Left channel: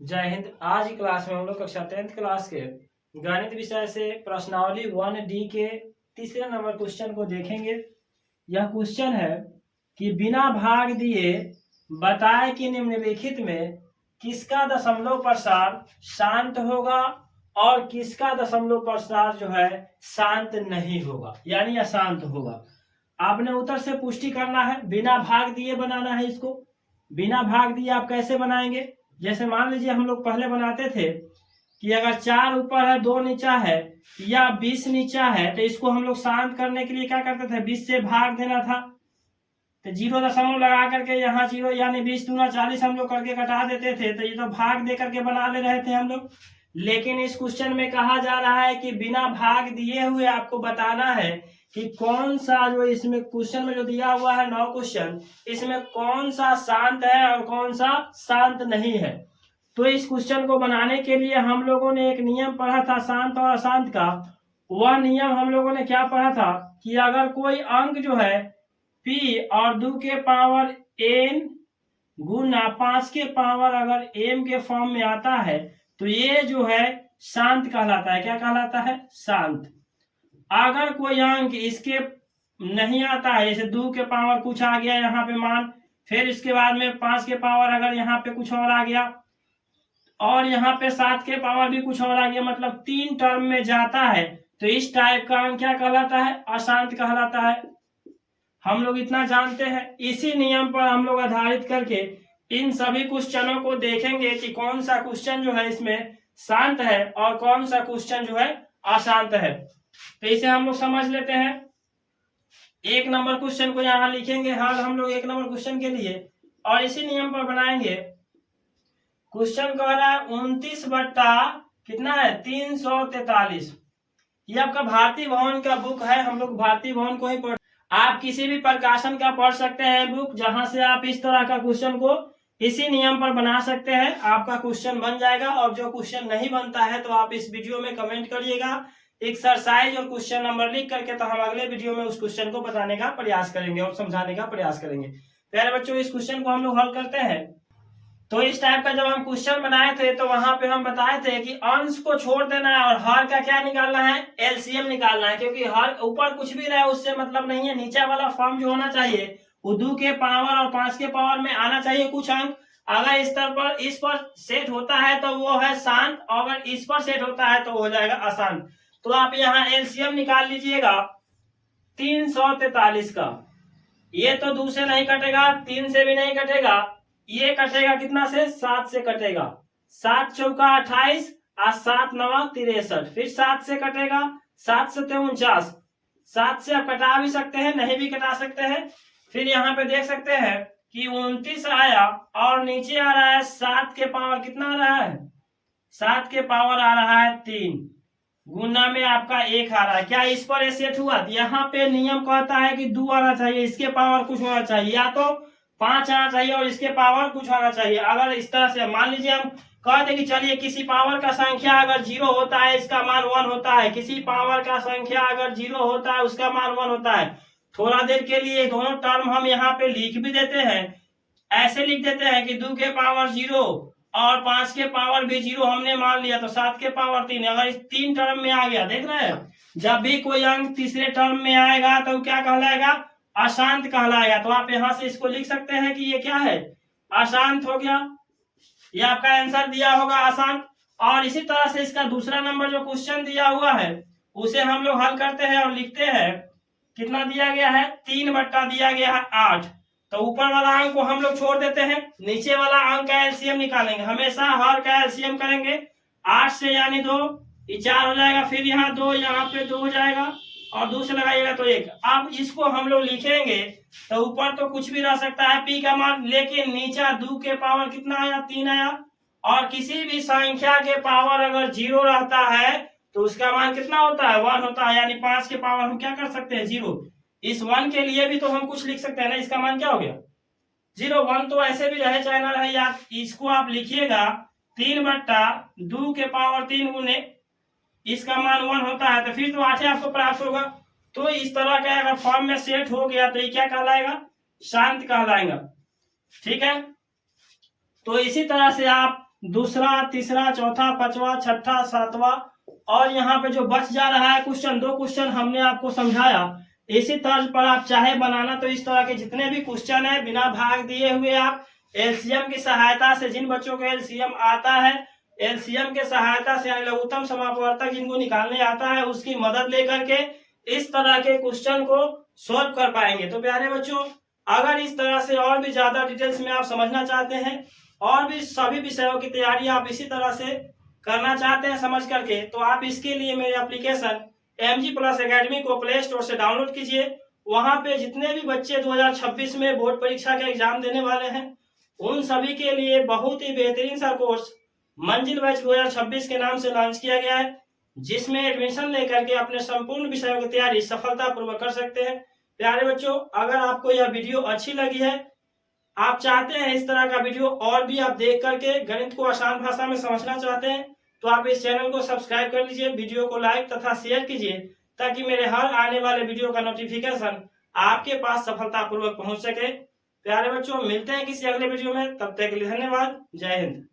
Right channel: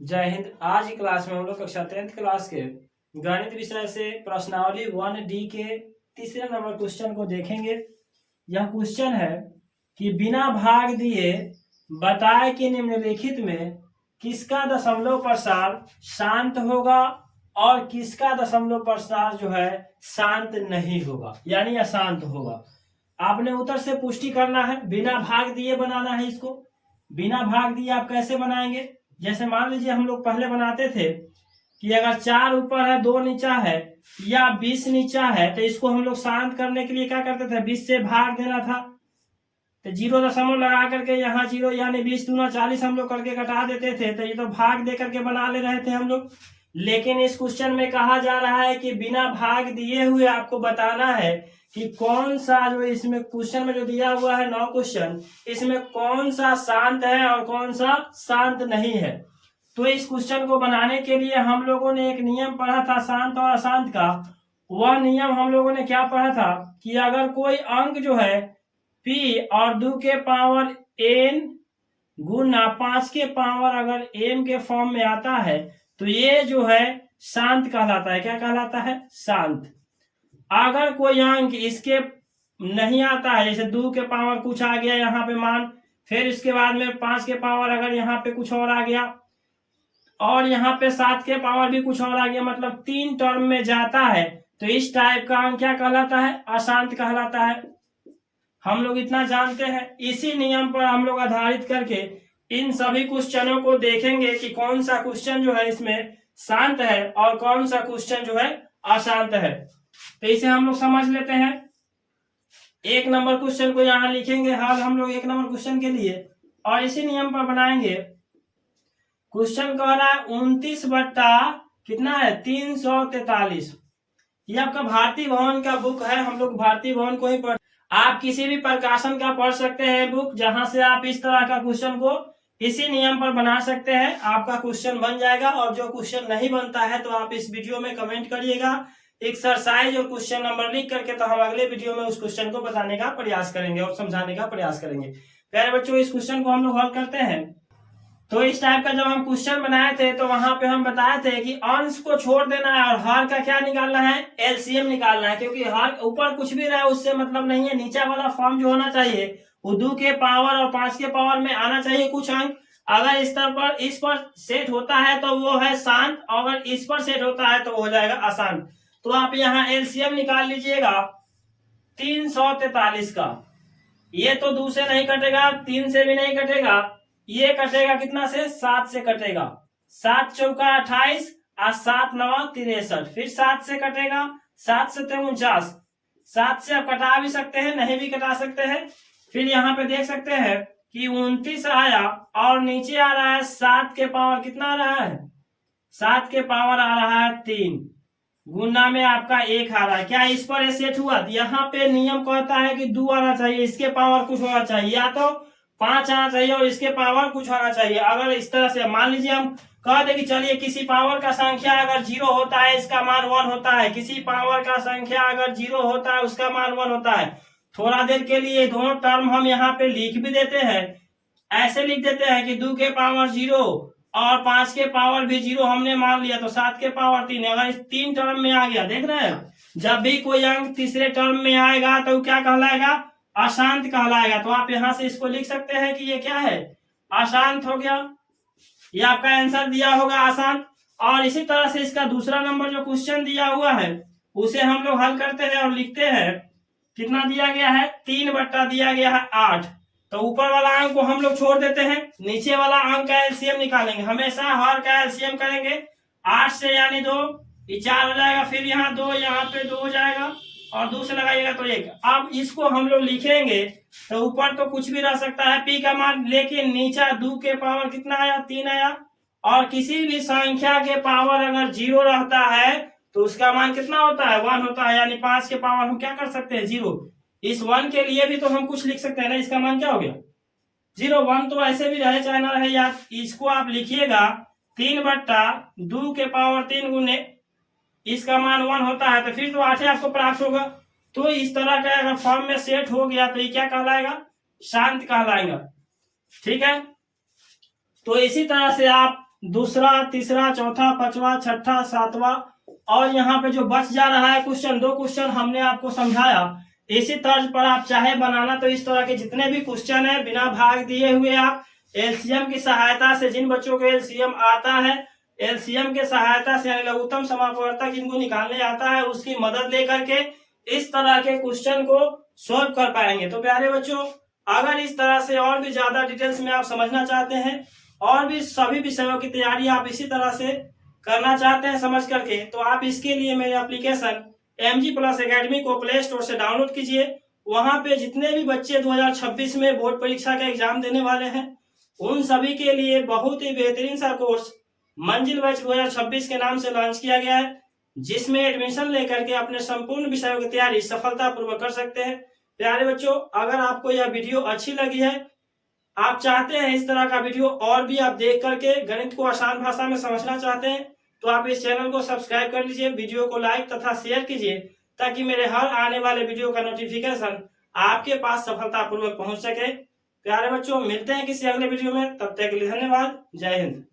जय हिंद। आज की क्लास में हम लोग कक्षा 10th क्लास के गणित विषय से प्रश्नावली 1D के तीसरे नंबर क्वेश्चन को देखेंगे। यह क्वेश्चन है कि बिना भाग दिए बताए कि निम्नलिखित में किसका दशमलव प्रसार शांत होगा और किसका दशमलव प्रसार जो है शांत नहीं होगा, यानी अशांत होगा। आपने उत्तर से पुष्टि करना है, बिना भाग दिए बनाना है इसको। बिना भाग दिए आप कैसे बनाएंगे? जैसे मान लीजिए हम लोग पहले बनाते थे कि अगर 4 ऊपर है 2 नीचा है या 20 नीचा है तो इसको हम लोग शांत करने के लिए क्या करते थे, 20 से भाग देना था। तो 0 लगा करके यहाँ 0 यानी 20 दूना 40 हम लोग करके घटा देते थे। तो ये तो भाग दे करके बना ले रहे थे हम लोग। लेकिन इस क्वेश्चन में कहा जा रहा है कि बिना भाग दिए हुए आपको बताना है कि कौन सा जो इसमें क्वेश्चन में जो दिया हुआ है 9 क्वेश्चन, इसमें कौन सा शांत है और कौन सा शांत नहीं है। तो इस क्वेश्चन को बनाने के लिए हम लोगों ने एक नियम पढ़ा था शांत और अशांत का। वह नियम हम लोगों ने क्या पढ़ा था कि अगर कोई अंक जो है p और 2 के पावर n गुना 5 के पावर अगर m के फॉर्म में आता है तो ये जो है शांत कहलाता है। क्या कहलाता है? शांत। अगर कोई अंक इसके नहीं आता है, जैसे 2 के पावर कुछ आ गया यहाँ पे मान, फिर इसके बाद में 5 के पावर अगर यहाँ पे कुछ और आ गया और यहाँ पे 7 के पावर भी कुछ और आ गया, मतलब 3 टर्म में जाता है, तो इस टाइप का अंक क्या कहलाता है? अशांत कहलाता है। हम लोग इतना जानते हैं। इसी नियम पर हम लोग आधारित करके इन सभी क्वेश्चनों को देखेंगे कि कौन सा क्वेश्चन जो है इसमें शांत है और कौन सा क्वेश्चन जो है अशांत है। तो इसे हम लोग समझ लेते हैं। 1 नंबर क्वेश्चन को यहाँ लिखेंगे हाल हम लोग 1 नंबर क्वेश्चन के लिए, और इसी नियम पर बनाएंगे। क्वेश्चन कह रहा है 29 बट्टा कितना है 343। ये आपका भारतीय भवन का बुक है, हम लोग भारतीय भवन को ही पढ़, आप किसी भी प्रकाशन का पढ़ सकते हैं बुक, जहां से आप इस तरह का क्वेश्चन को इसी नियम पर बना सकते हैं। आपका क्वेश्चन बन जाएगा। और जो क्वेश्चन नहीं बनता है तो आप इस वीडियो में कमेंट करिएगा एक्सरसाइज और क्वेश्चन नंबर लिख करके, तो हम अगले वीडियो में उस क्वेश्चन को बताने का प्रयास करेंगे और समझाने का प्रयास करेंगे। प्यारे बच्चों, इस क्वेश्चन को हम लोग हल करते हैं। तो इस टाइप का जब हम क्वेश्चन बनाए थे तो वहां पे हम बताए थे कि अंश को छोड़ देना है और हर का क्या निकालना है? एलसीएम निकालना है। क्योंकि हर ऊपर कुछ भी रहे उससे मतलब नहीं है, नीचे वाला फॉर्म जो होना चाहिए वो 2 के पावर और 5 के पावर में आना चाहिए कुछ अंक। अगर इस स्तर पर इस पर सेट होता है तो वो है शांत, अगर इस पर सेट होता है तो हो जाएगा अशांत। तो आप यहाँ एलसीएम निकाल लीजिएगा 343 का। ये तो 2 से नहीं कटेगा, 3 से भी नहीं कटेगा, ये कटेगा कितना से? 7 से कटेगा। 7 चौका 28 और 7 नवा 63। फिर 7 से कटेगा, 7 से 49। 7 से आप कटा भी सकते हैं, नहीं भी कटा सकते हैं। फिर यहाँ पे देख सकते हैं कि 29 आया और नीचे आ रहा है 7 के पावर कितना आ रहा है? 7 के पावर आ रहा है 3 गुना में आपका 1 आ रहा है। क्या इस पर सेट हुआ? यहाँ पे नियम कहता है कि 2 आना चाहिए, इसके पावर कुछ होना चाहिए, या तो 5 आना चाहिए और इसके पावर कुछ होना चाहिए। अगर इस तरह से मान लीजिए हम कह दे कि चलिए किसी पावर का संख्या अगर 0 होता है इसका मान 1 होता है, किसी पावर का संख्या अगर 0 होता है उसका मान 1 होता है। थोड़ा देर के लिए दोनों टर्म हम यहाँ पे लिख भी देते हैं। ऐसे लिख देते हैं कि 2 के पावर 0 और 5 के पावर भी 0 हमने मान लिया, तो 7 के पावर 3। अगर इस 3 टर्म में आ गया, देख रहे हैं, जब भी कोई अंक तीसरे टर्म में आएगा तो क्या कहलाएगा? अशांत कहलाएगा। तो आप यहां से इसको लिख सकते हैं कि ये क्या है? अशांत हो गया। ये आपका आंसर दिया होगा अशांत। और इसी तरह से इसका दूसरा नंबर जो क्वेश्चन दिया हुआ है उसे हम लोग हल करते हैं और लिखते हैं। कितना दिया गया है? 3 बट्टा दिया गया है 8। तो ऊपर वाला अंक को हम लोग छोड़ देते हैं, नीचे वाला अंक का एलसीएम निकालेंगे। हमेशा हर का एलसीएम करेंगे। 8 से यानी 2, ये 4 हो जाएगा, फिर यहाँ 2, यहाँ पे 2 हो जाएगा और 2 से लगाइएगा तो 1। अब इसको हम लोग लिखेंगे तो ऊपर तो कुछ भी रह सकता है पी का मान, लेकिन नीचे 2 के पावर कितना आया? 3 आया। और किसी भी संख्या के पावर अगर 0 रहता है तो उसका मान कितना होता है? 1 होता है। यानी 5 के पावर हम क्या कर सकते हैं? 0। इस 1 के लिए भी तो हम कुछ लिख सकते हैं ना, इसका मान क्या हो गया? 0। 1 तो ऐसे भी रहे चाहे ना रहे यार, इसको आप लिखिएगा 3 बट्टा 2 के पावर 3 गुने इसका मान 1 होता है, तो फिर तो 8 आपको प्राप्त होगा। तो इस तरह का अगर फॉर्म में सेट हो गया तो ये क्या कहलाएगा? शांत कहलाएगा। ठीक है। तो इसी तरह से आप दूसरा, तीसरा, चौथा, पांचवा, छठा, सातवां, और यहाँ पे जो बच जा रहा है क्वेश्चन, 2 क्वेश्चन हमने आपको समझाया। इसी तर्ज पर आप चाहे बनाना तो इस तरह के जितने भी क्वेश्चन है बिना भाग दिए हुए आप एलसीएम की सहायता से, जिन बच्चों को एलसीएम आता है, एलसीएम के सहायता से यानी लघुत्तम समापवर्तक जिनको निकालने आता है उसकी मदद लेकर के इस तरह के क्वेश्चन को सॉल्व कर पाएंगे। तो प्यारे बच्चों, अगर इस तरह से और भी ज्यादा डिटेल्स में आप समझना चाहते हैं और भी सभी विषयों की तैयारी आप इसी तरह से करना चाहते हैं समझ करके, तो आप इसके लिए मेरे एप्लीकेशन MG प्लस एकेडमी को प्ले स्टोर से डाउनलोड कीजिए। वहां पे जितने भी बच्चे 2026 में बोर्ड परीक्षा का एग्जाम देने वाले हैं उन सभी के लिए बहुत ही बेहतरीन सा कोर्स मंजिल बैच 2026 के नाम से लॉन्च किया गया है, जिसमें एडमिशन लेकर के अपने संपूर्ण विषयों की तैयारी सफलतापूर्वक कर सकते हैं। प्यारे बच्चों, अगर आपको यह वीडियो अच्छी लगी है, आप चाहते हैं इस तरह का वीडियो और भी आप देख करके गणित को आसान भाषा में समझना चाहते हैं, तो आप इस चैनल को सब्सक्राइब कर लीजिए, वीडियो को लाइक तथा शेयर कीजिए ताकि मेरे हर आने वाले वीडियो का नोटिफिकेशन आपके पास सफलतापूर्वक पहुंच सके। प्यारे बच्चों, मिलते हैं किसी अगले वीडियो में, तब तक के लिए धन्यवाद। जय हिंद।